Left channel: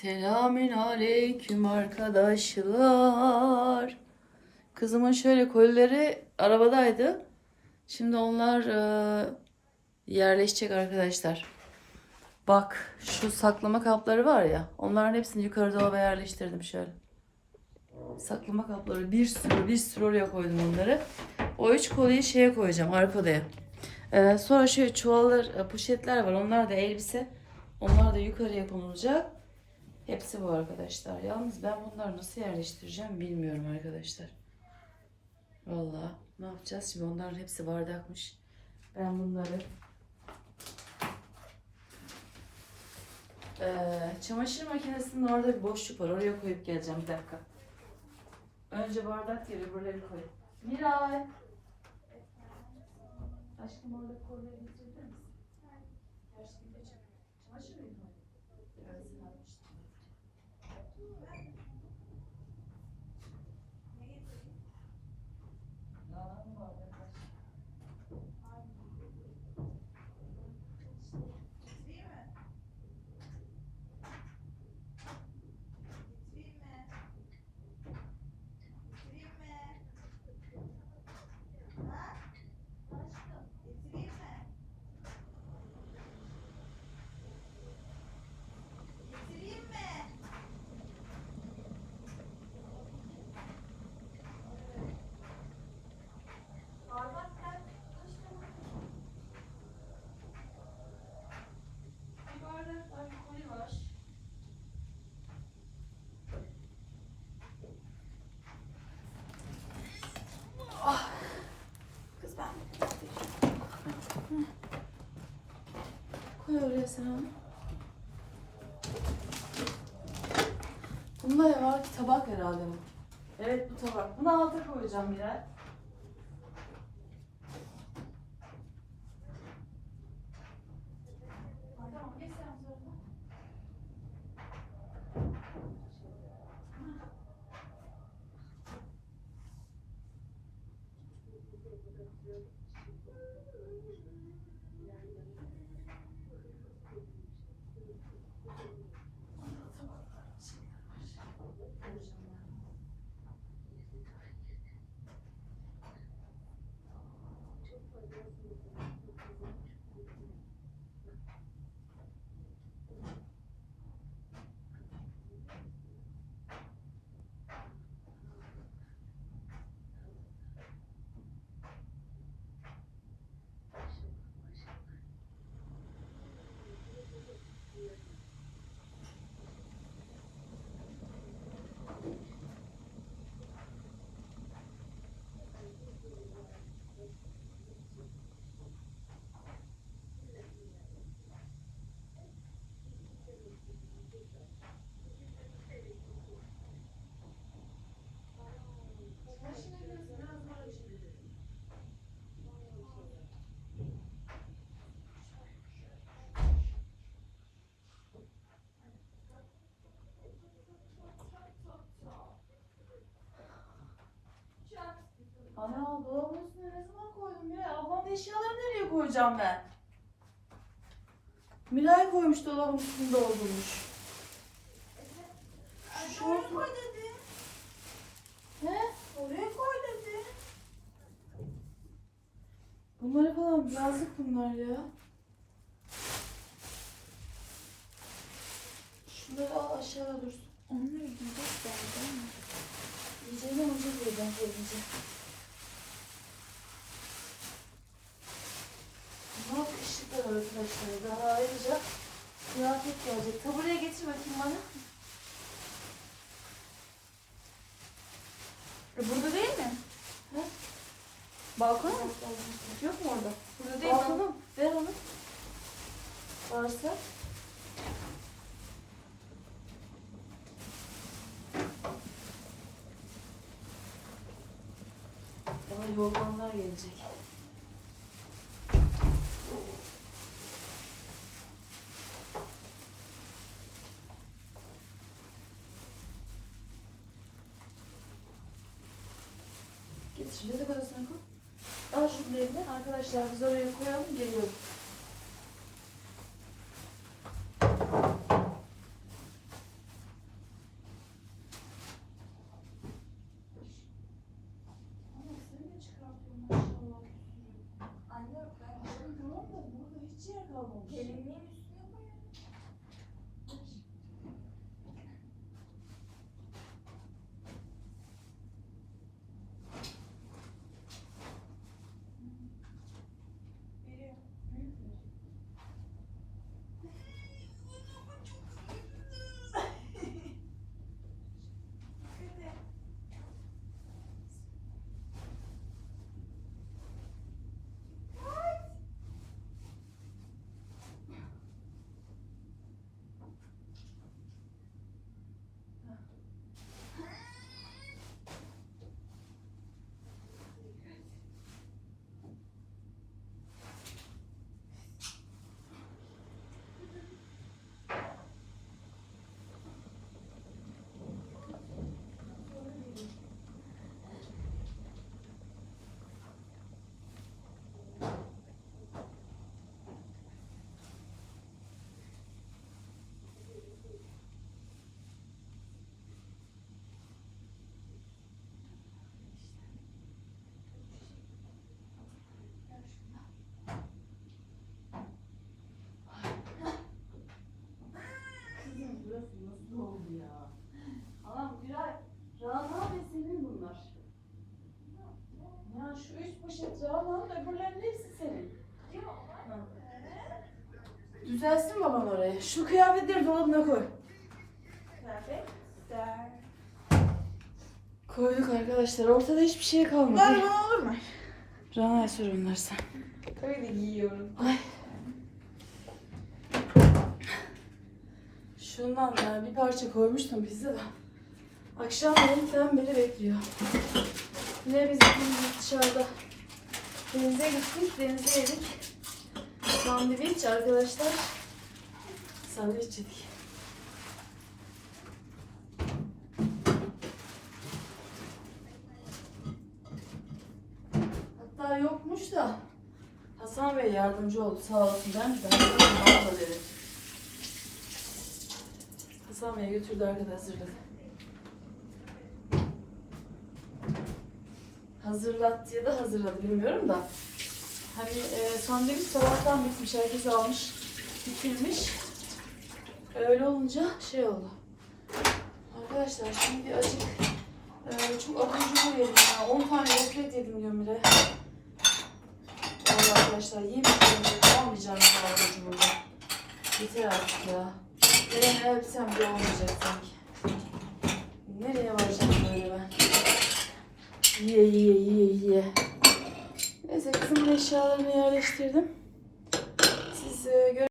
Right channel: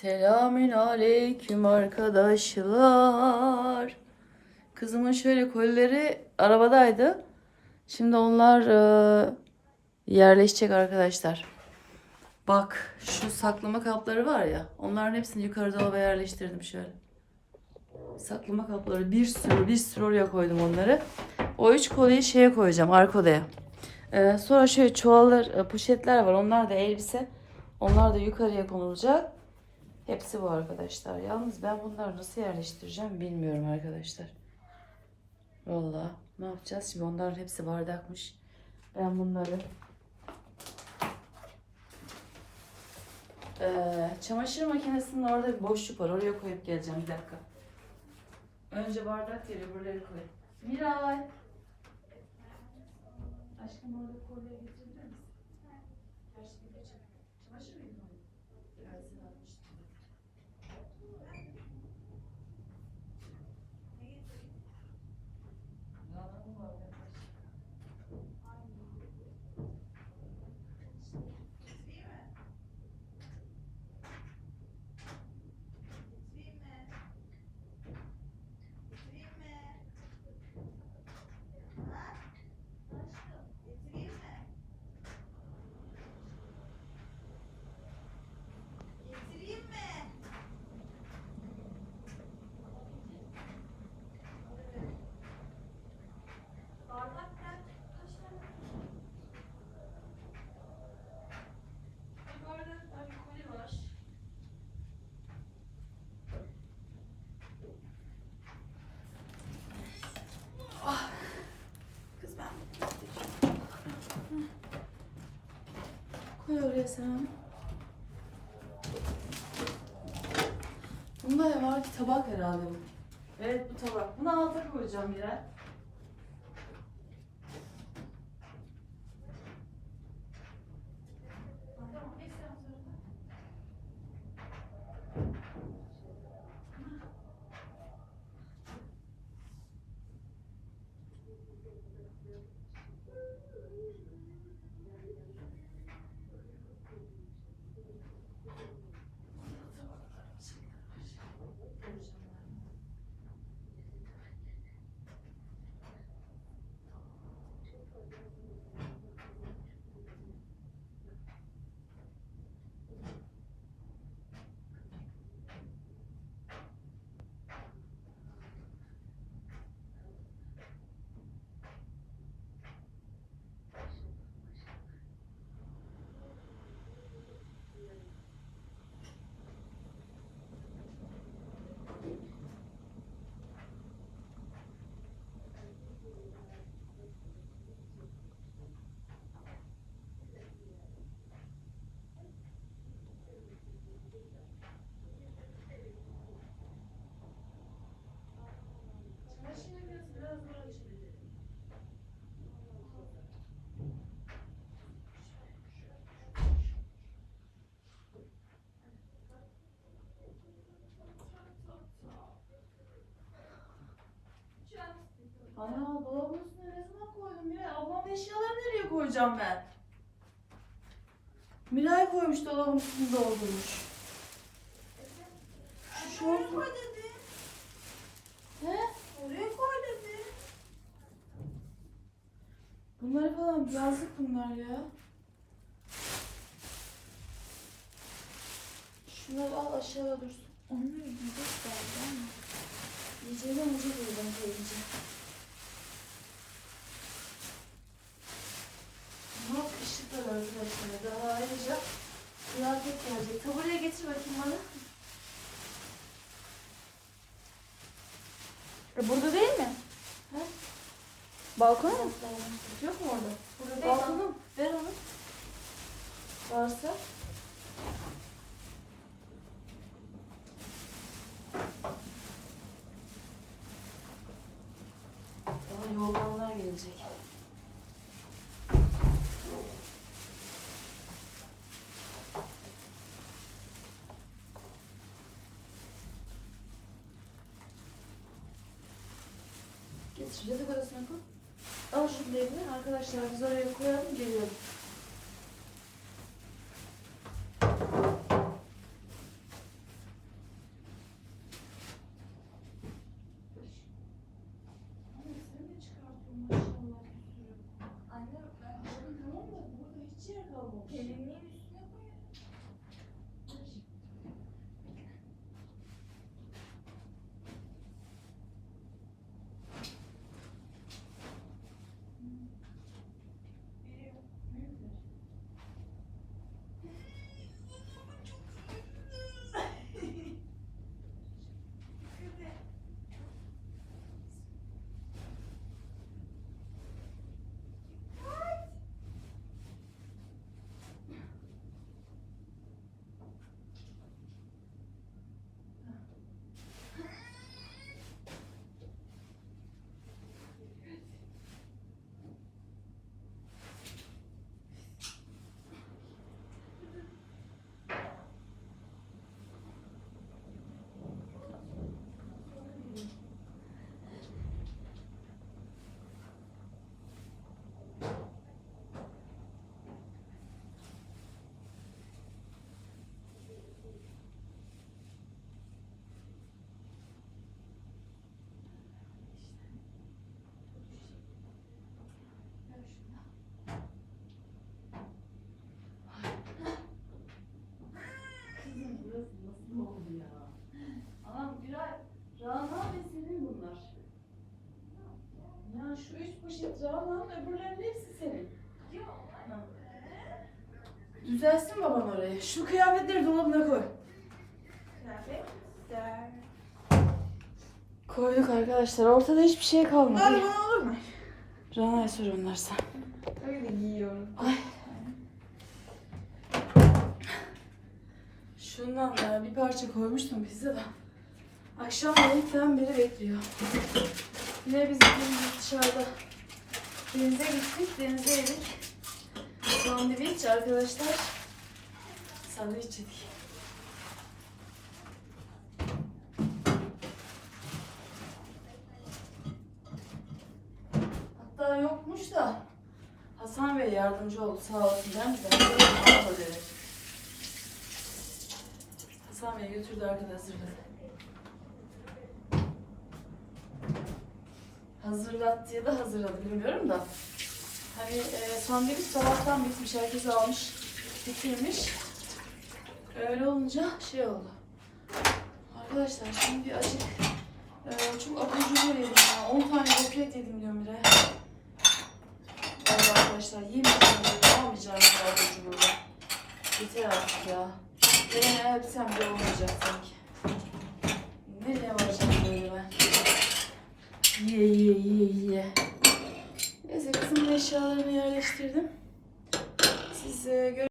Selamün aleyküm arkadaşlar. Kızımın şöyle kolileri arabadaydı. Şimdi onlar e, yerleşecek arkadaşlar. Bak şu saklama kapları var ya. Onların hepsini yukarı dolaba yerleştirdim şöyle. Saklama kapları bir sürü bir sürü oraya koydum onları. O üç koliyi şeye koyacağım arka odaya. Ee, sonra şöyle çuvallar, e, poşetler var. Onlar da elbise. Onlar da yukarıya konulacak. Hepsi bu arkadaşlar. Yalnız ben bunları nasıl yerleştireceğim bilmiyorum arkadaşlar. Vallahi ne yapacağız? Şimdi onların hepsi bardakmış. Ben bunları Ee, çamaşır makinesinin orada bir boşluk var. Oraya koyup geleceğim bir dakika. Önce bardak yeri buraları koy. Miray. Aşkım orada kolye getirebilir misin? Gerçi bir de çamaşır mıydı o? Evet, sen almıştın. Yağlar mı var arkadaş? Bir bardak var, bir koli var. Ah. Kız ben Oraya sen. Bunda var ki tabak herhalde. Evet bu tabak. Bunu alta koyacağım Miray. Ana dolabın üstüne ne zaman koydum Miray? Ablamın eşyalarını nereye koyacağım ben? Miray koymuş dolabın üstünde doldurmuş. Şu şort mu? He? Oraya koy dedi. Bunları falan yazdık bunlar ya. Şunları al aşağıya dursun. Onları güzel koydum. İyice ne olacak buradan koyunca. Ne yap ışıklar arkadaşlar. Daha ayrıca kıyafet gelecek. Tabureye getir bakayım bana. E burada değil mi? He? Balkon mu? Yok mu orada? Burada değil. Balkonum. Ver onu. Varsa. Daha yoğurmalar gelecek. Getir yatak odasına koy. Arkadaşlar biz oraya koyalım geliyorum. Hadi şu kıyafetleri dolabına koy. Kıyafetler. Koyduk arkadaşlar. Ortada hiçbir şey kalmadı. Böyle olur mu? Rana'ya sor onlar sen. Tabii de giyiyorum. Ay. Şundan ya bir parça koymuştum bizde de. Akşam yedikten beri bekliyor. Yine biz dışarıda denize gittik, denize yedik. Sandviç arkadaşlar. Sandviç yedik. Hatta yokmuş da Hasan Bey yardımcı oldu sağ olsun ben ben. Hasan Bey götürdü arkada hazırladı. Hazırlattı ya da hazırladı bilmiyorum da. Hani e, sandviç sabahtan bitmiş herkes almış bitirmiş. Öyle olunca şey oldu. Arkadaşlar şimdi acık e, çok akıcı yedim ya. 10 tane gofret yedim gömüle. Vallahi arkadaşlar yemeyeceğim, almayacağım bu arada burada. Yeter artık ya. Nereye öpsem de olmayacak sanki. Nereye varacağım böyle ben? Yiye yiye yiye yiye. Neyse kızımın eşyalarını yerleştirdim. Siz e,